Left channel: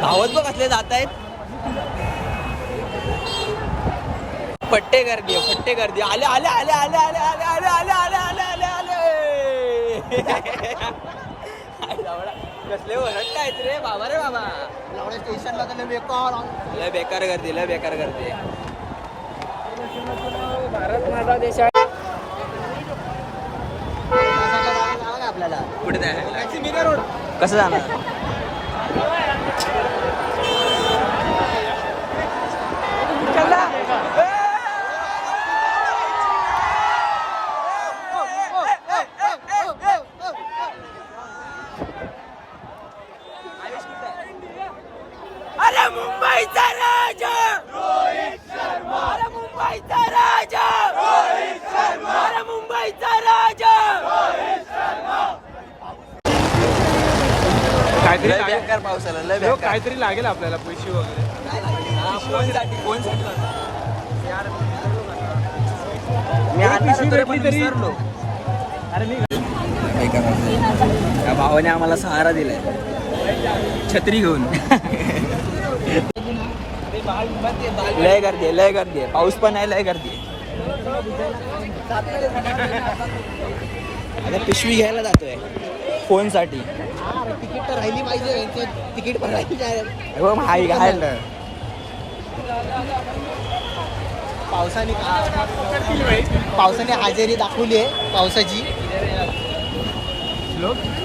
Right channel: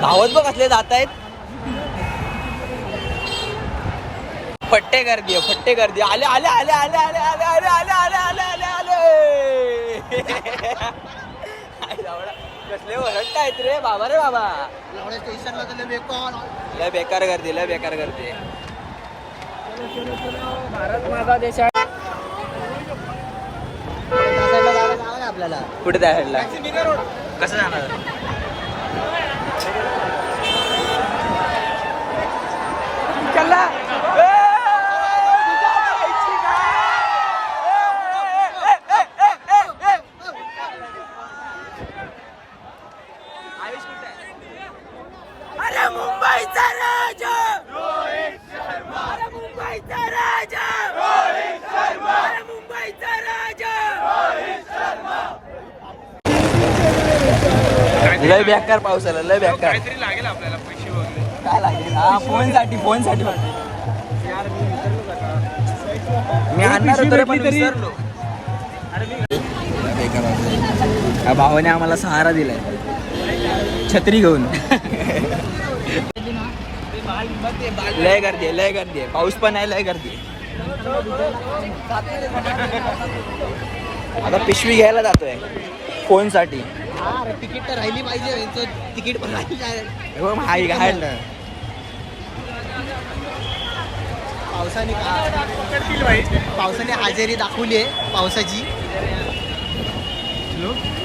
धावत बघ कसले जात आहेत. फट्टे गर्दी आहे, फट्टे गर्दी. आले आले आले आले आले आले आले आले आले आले आले आले. कसले वरट्ट आहेत रे बाबा, रे बाबा. स्टेशनला लय बेकार गर्दी, लय बेकार गर्दी. भारत माझा देश आहे. आपल्याला कुठे जायला, कसं जाणार? अरे मुंबईचा राजा, अरे मुंबईचा राजा, अरे मुंबईचा राजा. लय बेकार पाऊस आला, लय बेकार. काहीतरी लागेल आपल्याला पैसे वगैरे. काय लागतं? फोनसाठी, फोनसाठी तरी पण विसरलो. बेकार भावाने आम्हाला सहारा दिला छत्री घेऊन. लय गर्दी आहे, लय गर्दी आहे. पाऊस पण आहे, लय गर्दी आहे. आता पिशवी घ्यायला जातोय फोनसाठी. तिकीट तर राहिली पाहिजे, तिकीट पण राहिली. पावसाने हजेरी दाखवली आहे पावसाची.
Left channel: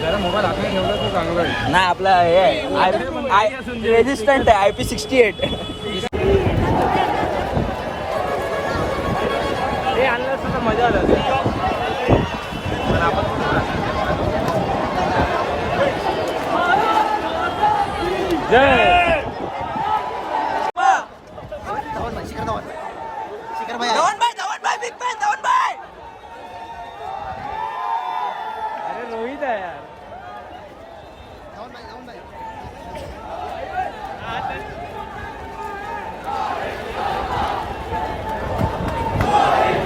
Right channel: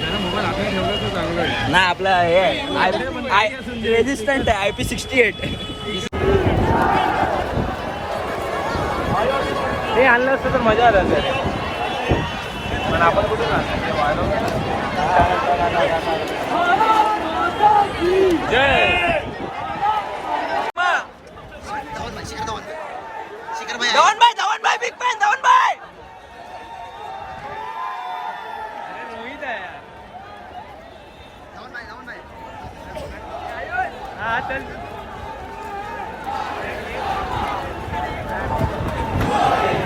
जरा मोबाईल हातात ठेवला तर चांगलं आहे. नाही आपला हे रेजिस्टंट आहे IP68. हे आणलं असतं तर मजा आला. धवन भाई बिग फॅन, धवन भाई. रोहित आहे.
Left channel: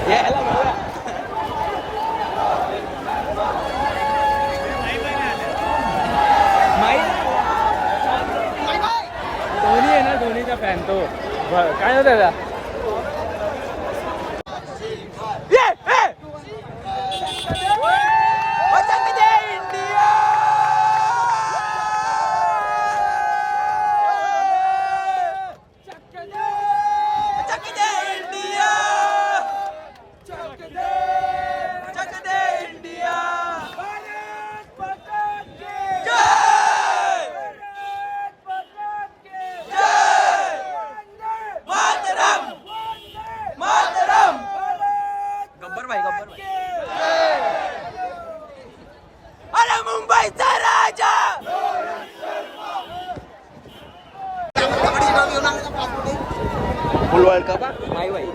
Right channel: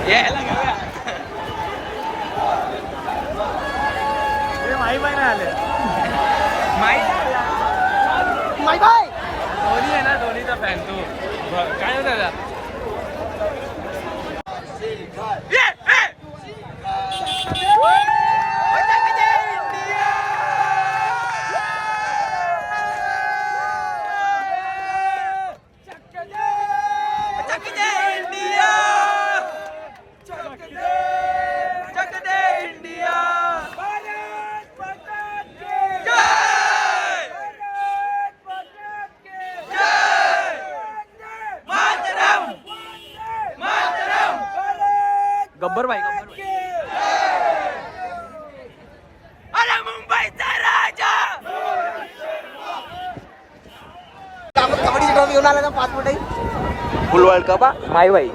यायला बघा. धोनी आहे ना, धोनीचा फॅन तो. काय नाही त्याला. गब्बर भाई, गब्बर भाई. अरे मुंबईचा राजा. फुल वर्ल्ड कप माई भाई.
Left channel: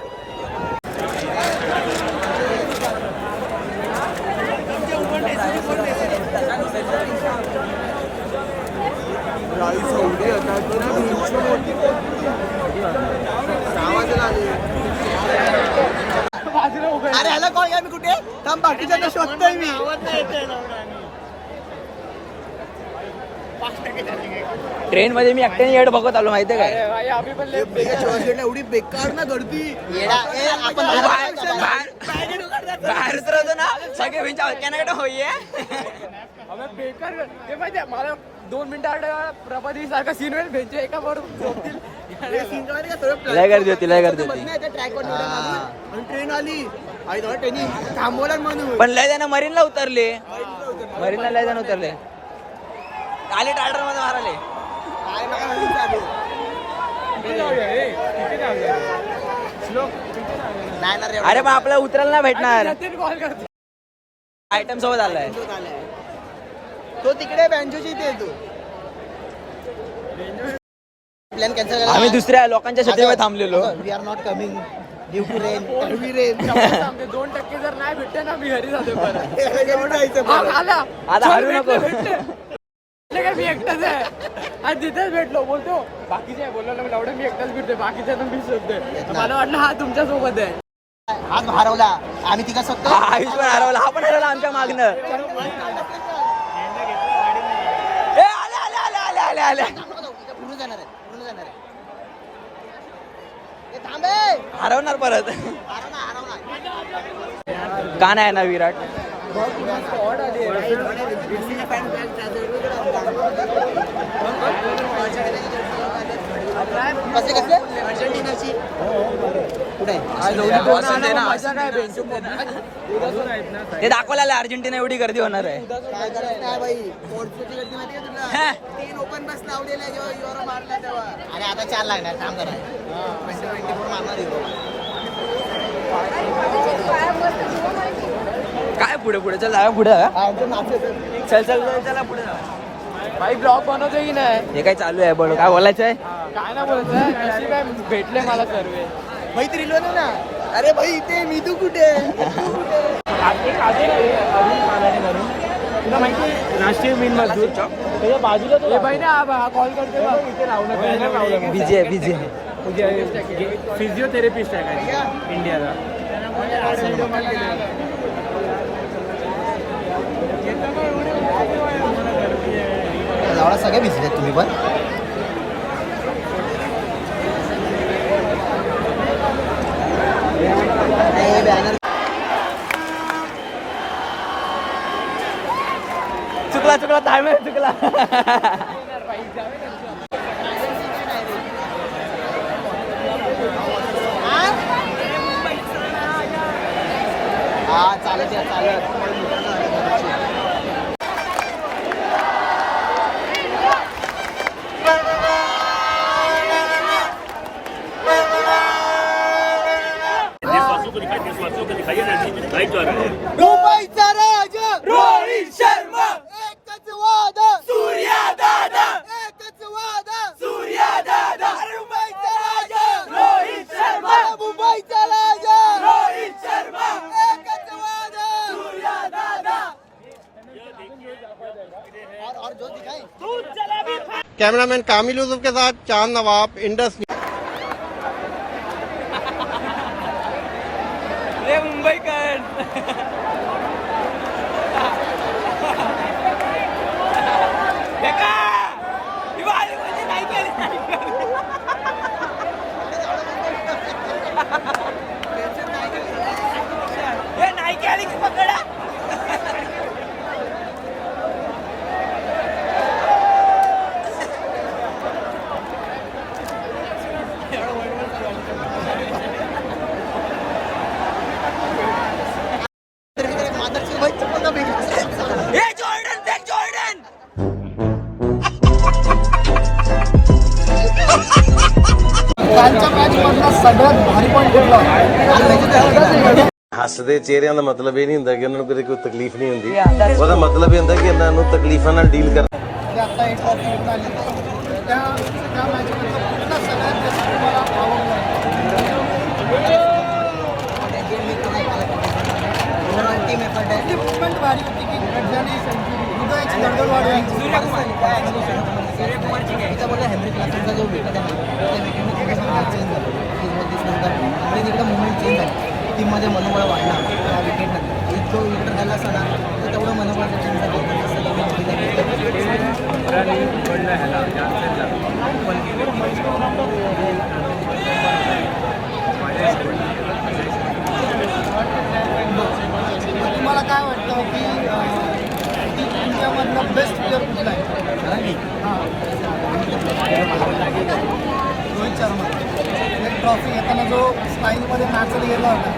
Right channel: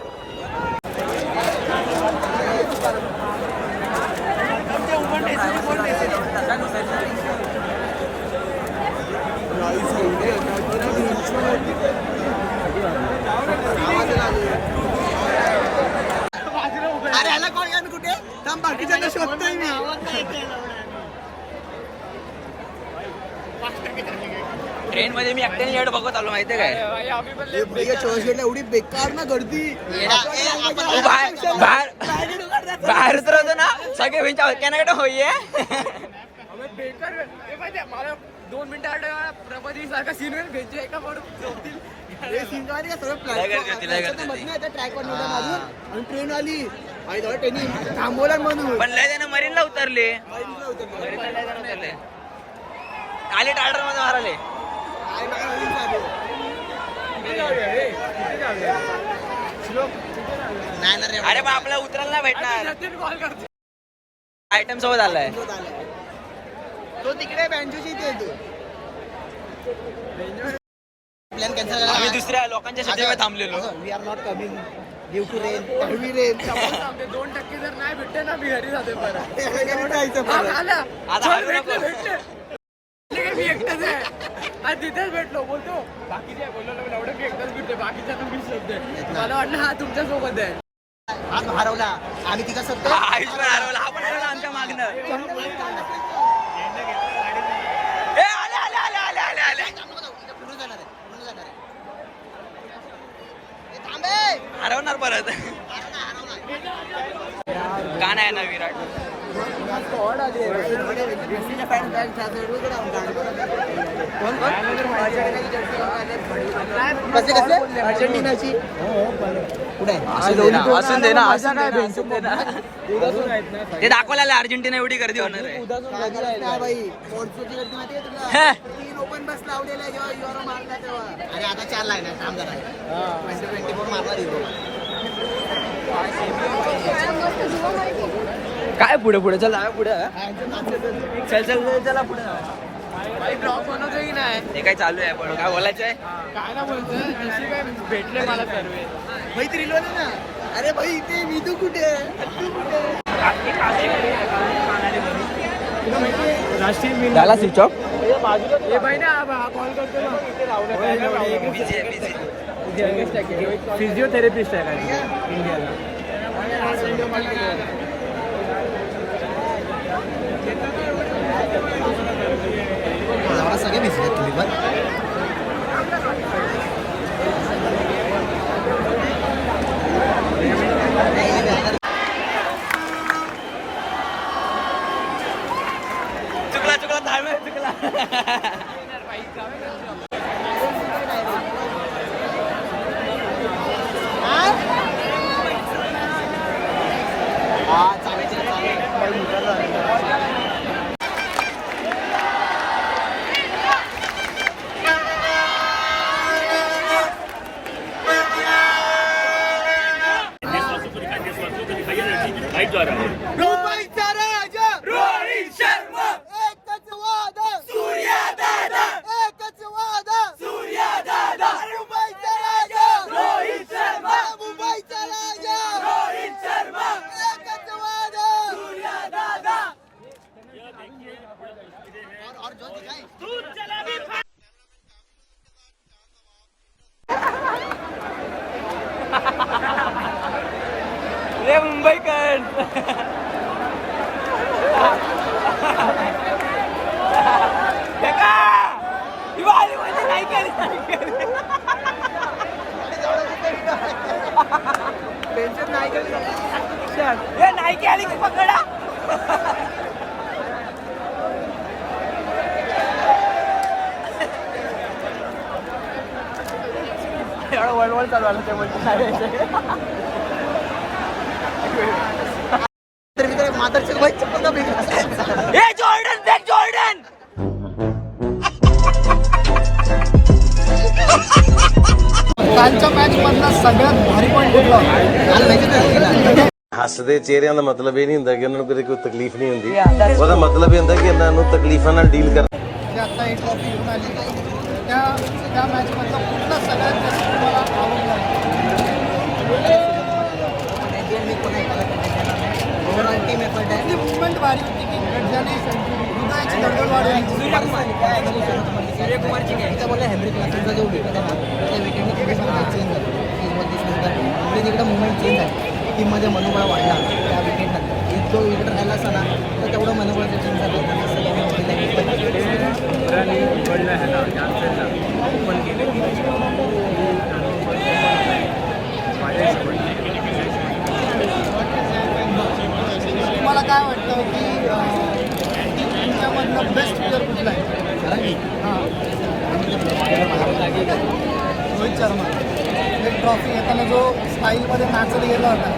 अरे ह्याला कॉल घ्या, मी कुठे थांब, बाकीच्यांना शोधतोय मी. ट्रेन मध्ये मी एकट्याने येड बघत आलो, माहितीये काय? चर्चगेटला एवढी बेकार ना गर्दी. तू बाहेर उतरवतो ना, सगळे भिंच्या हक्यानाकडे होईये. मला 2 मिनिटं प्रभाती सारखा सीनवर भेटतो एका बरोबर. लय गर्दी होती, लय गर्दी होती. ट्रॅकवर उड्या मारून आणि ट्रेन आली. ट्रेनिंग थांबवला म्हणून. पण लय जण मरीनला उतरले, मरीनला लय जण उतरले. आले टार्डर मध्ये माराले. अरे मग आपल्याला उतरायला नाही भेटणार. आयटम सोबत आलाय तो तिकडे बँजोची इथे येतो. प्लॅन कॅन्सल झाला. आम्ही दुसऱ्या लोकांच्या छत्रीवर थांबलेलो. We are not coming due to rain, heavy rain. 2% जर नाही भेटते ना, मी घरी जाते परत. आता हलू नको. मी एकटाच आहे आणि तिथेच भेटलो. बोलतो बाकीचे बोललो ना, एवढे मी एकटाच भेटते, बाकीच्या पण मी शोधते. मला वाटलं हा तुमच्या सोबत आहे. आज हरवला आम्ही तिघा सोबत. आयुष पण हरवला, हा पण हरवला आमच्या मागणं. आले आले आले आले आले आले. पुढे जाणार आहे पुढे जाणार आहे ए, थांबे हरवणार परत का नाही ना विराट अर्जेंटिनाची असून दे ना ते दाखवायला अर्जेंटिना एवढी गर्दी होणार आहे हे. 3 ओपन बस लावलेला आहे जेव्हा युरो मारला तेव्हा अरे आता 4 लागणार थांब जरा काय पुढे पुढे चला पुढे चल चल चल चला पुढे ब्लॉग बनवतो की नाही हे काय चालू आहे बोल काय बोलायचं आहे काय ना बोलत कशी काय भेटले मला सर्वे भाई त्रिलोन ना अरे भाई इथे निधू कुठे तुला माहिती राष्ट्रीय मिल झाला स्विच ऑफ हे बाई ना कॉल करते बघ बिझी बिझी फिजिओथेरपिस्ट आहे का इंडियाला सगळं भिजलं तुम्ही पण चुकला चुकला टाइम चुकला हा चालेल चालेल मुंबईचा राजा रोहित शर्मा एकच वादा सूर्या दादा एकच वादा सूर्या दादा मुंबईचा राजा रोहित शर्मा मुंबईचा राजा रोहित शर्मा एकच वादा सूर्या दादा कैमरामैन कामिल यूसुफ के साथ चांद नवाब इंडस रे मुंबईकर दिवाळी म्हणजे नाही केली हे नाही केली की पकडा एवढं वळवळ चालू आलं हे जॉर्डन देख जॉर्डन कालच्या मॅच मधला सगळ्यात भारी पॉईंट कुठला ਹੱਸਦੇ ਚਿਹਰਿਆਂ ਦਾ ਮਤਲਬ ਇਹ ਨਹੀਂ ਹੁੰਦਾ ਕਿ ਉਹਨਾਂ ਨੂੰ ਕਦੇ ਕੋਈ ਤਕਲੀਫ ਨਹੀਂ ਹੁੰਦੀ ਉਹਦਾ ਮਤਲਬ ਇਹ ਹੁੰਦਾ ਕਿ ਇਹਨਾਂ ਨੂੰ ਤਕਲੀਫਾਂ ਨਾਲ ਡੀਲ ਕਰ आता एक ट्रॉफी घेऊन आली त्या मॅच मधला कुठला सगळ्यात जास्त तुम्हाला आवडला टीम एफर्ट आहे मुवमेंट भारी होती की गड्याने हृदयाची दगड वाढवली सूर्यकुमारची बोलला हेनरी क्लासेसचा जो विकेट आहे ना त्या विकेटने थोडंसं चेंज झालं आणि तिकडे मुवमेंट चेंज झाली टीममध्ये मनोबळ वाढला त्या विकेटनंतर जो विकेट राहिला असता ना तर तेवढं मनोबळाचं चेंज तुम्हाला काय वाटतं की इंडियामधलं बेस्ट प्लेअर कुठला आहे रोहित शर्मा एक ट्रॉफी घेताना जो स्टाईलमध्ये नाचला गेला होता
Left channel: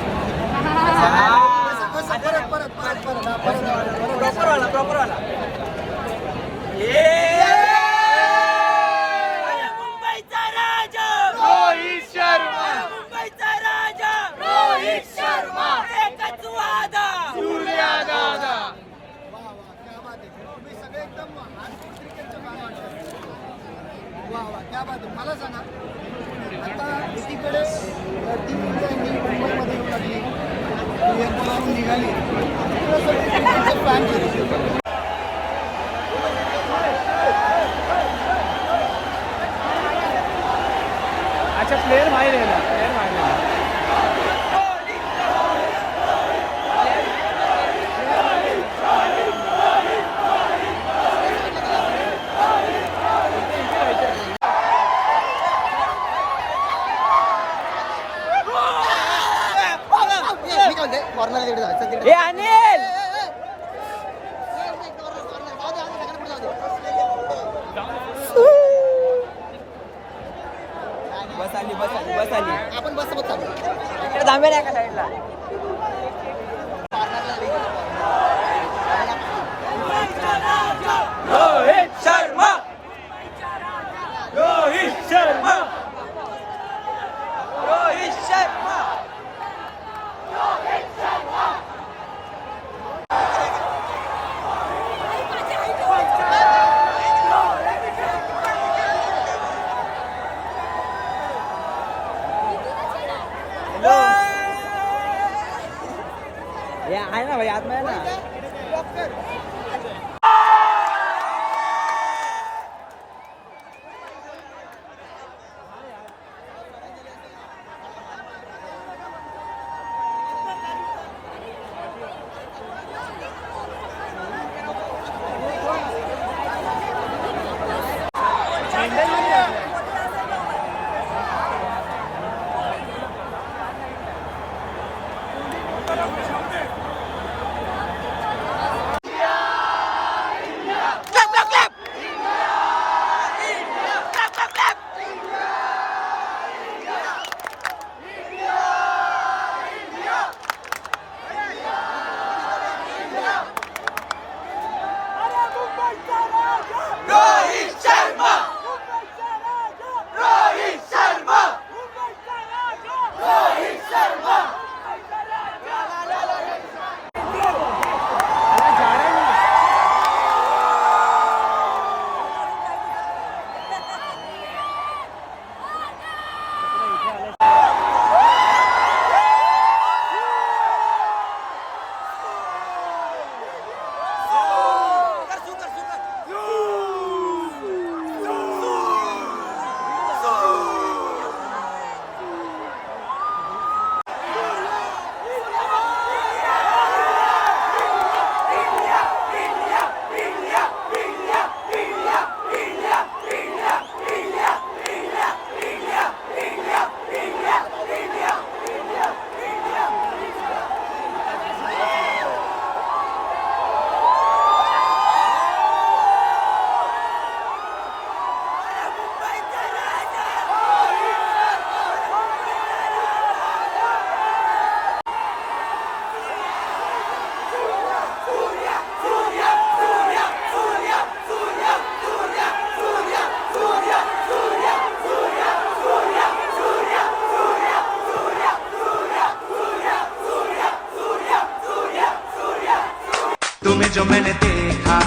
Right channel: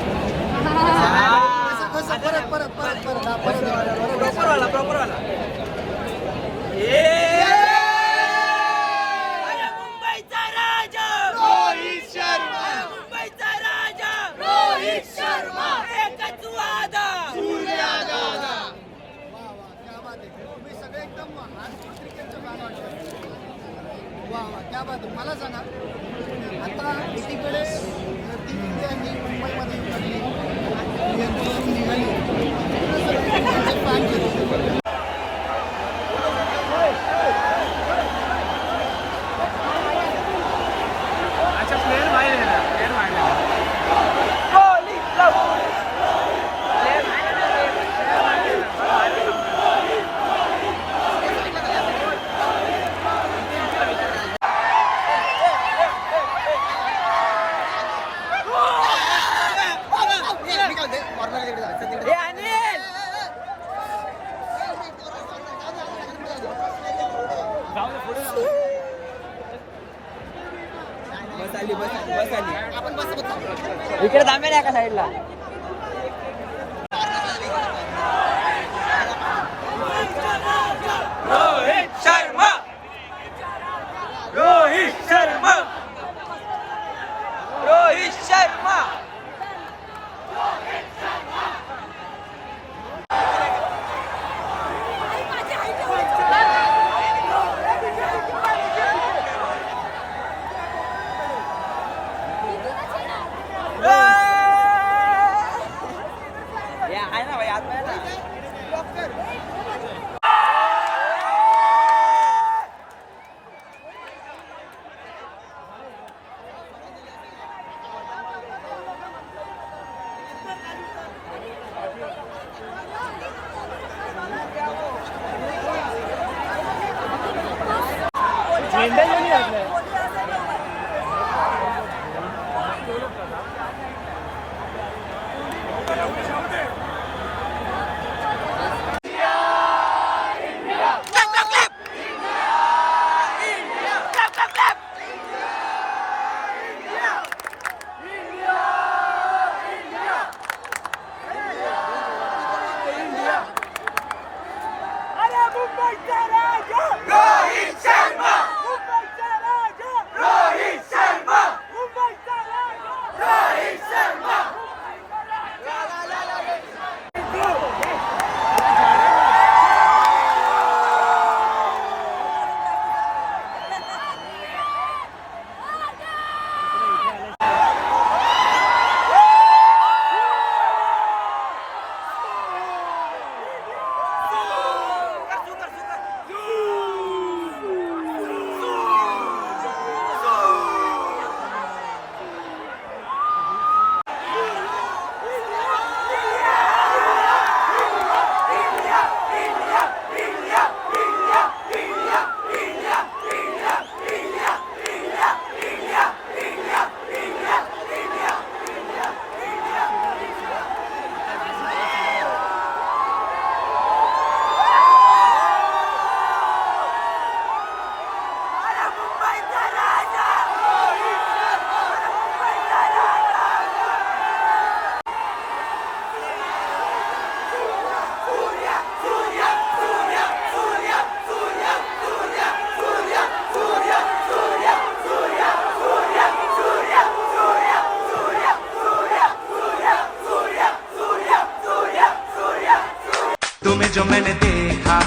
परत परत परत परत प्रॉपर वाला मुंबईचा राजा रोहित शर्मा मुंबईचा राजा रोहित शर्मा एकच वादा सूर्या दादा क्या बात आहे तुम्ही सगळे एकदम हार्डकोर क्रिकेटचे फॅन वाटतं वा वा क्या बात आहे मला सांगा आता एकीकडे टीम इंडिया ही मुंबईमध्ये येऊ लागली मुंबईवरून निघाली फॅन अच्छा प्लेयर माहिती आहे ना प्लेयर माहिती आहे आली बस आली बस आली. आपण बसत चालू. इकडे थांबे नाही का साईडला. रोहित शर्मा रोहित शर्मा रोहित शर्मा. आहे ना भाई रोहित शर्मा रोहित शर्मा रोहित शर्मा. तुम्हें जो मैंने देखा,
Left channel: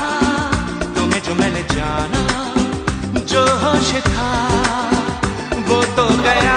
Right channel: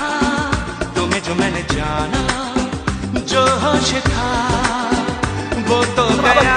तुम्हें जो मैंने जाना, जो होश था वो तो गया.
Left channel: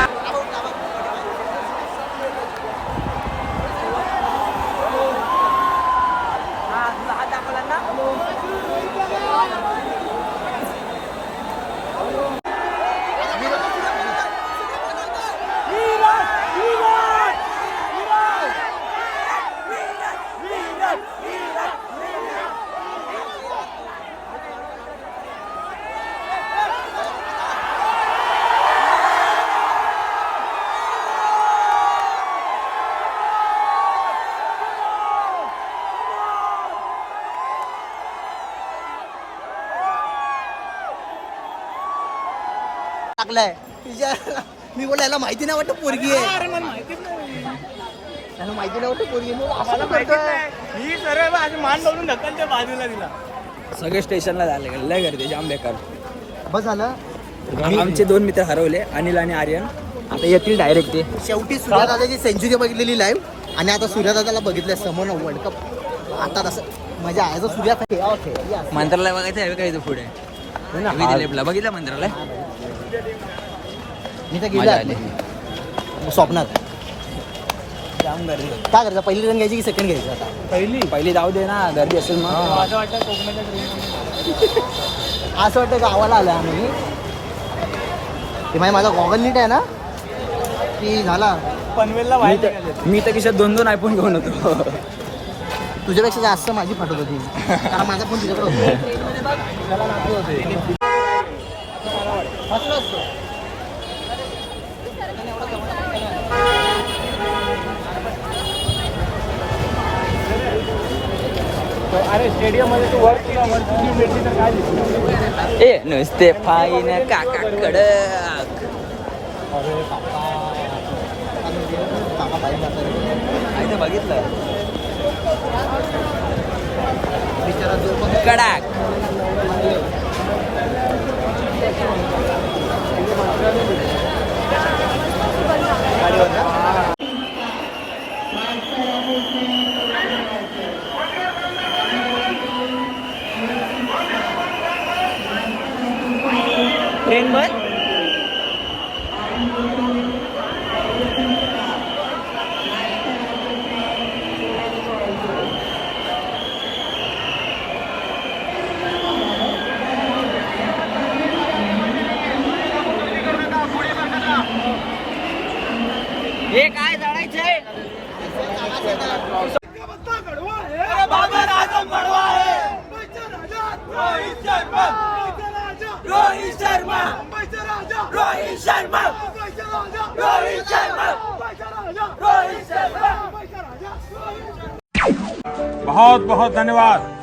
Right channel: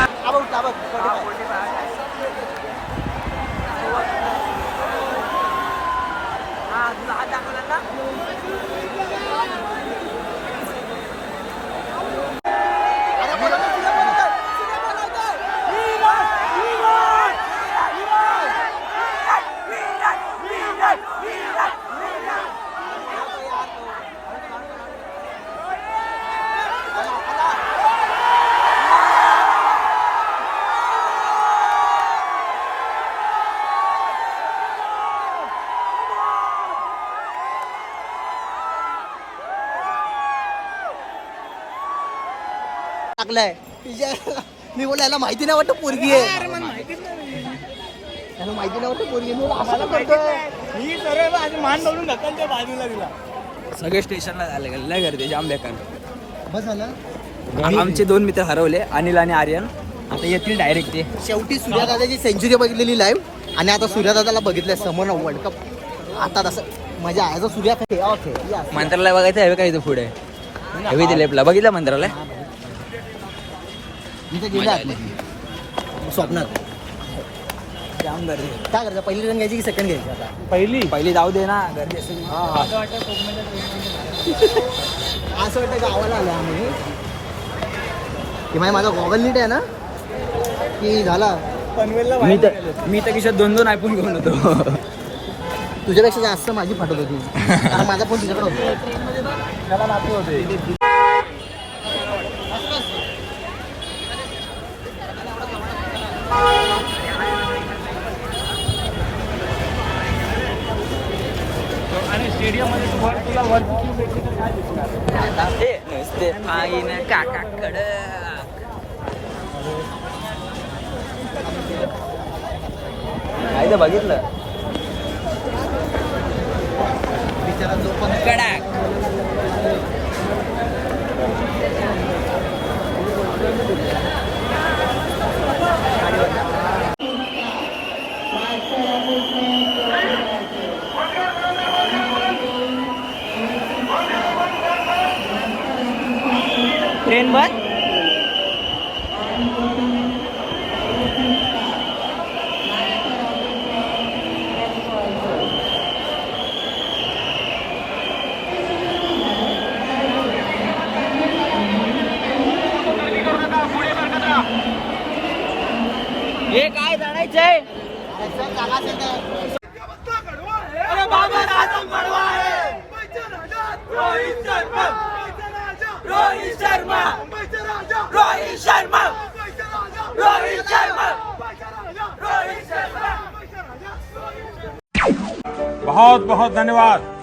टाकलाय मी बोला याला माहिती नाही वाटत पोरगी आहे. माहिती नाही मान लावून ढकलच्या बाजूला दिला. सगळे स्टेशनला झाले लय गर्दी जाम बेकार. बस झालं. आमचे 2 मित्र हरवले अनिल आणि आर्यन. आता येतील डायरेक्ट ते. शेवटी सूर्यदादाची सेंचुरी बघितलेली लाईव्ह आणि आता सूर्यदादाला बघितलंय समोर वर्ल्ड कप. आता तसं मजा आहे. जो सूर्या मंत्रालय बघायचं आहे का इथं पुढे हवी ते लेपला बघितलं मंत्रालय. मी तर गेलो स्वप्नात. जाम गर्दी. काय करायचं पहिली ट्रेन घ्यायची की सेकंड घ्यायची आता. पहिली जाऊ दे ना गर्दी असेल मग. असं वाटतं गावाला आलं आम्ही. ते माझा गॉगल नीट आहे ना की झाला पनवेलला. मी तर खिशात 2 आयफोन घेऊन होतो. तुझ्यापेक्षा जास्त माझी फाटत होती कारण माझा फोन तुझ्याकडे त्याला नाते होते. ए नुसते फाईन काका कडक. काय ते बघितलं कडाक ट्रेन बस हे काय जाणायचंय बाबर आजम कडवा आहे रोहित शर्मा रोहित शर्मा रोहित शर्मा रोहित शर्मा रोहित शर्मा बहुत बहुत धन्यवाद।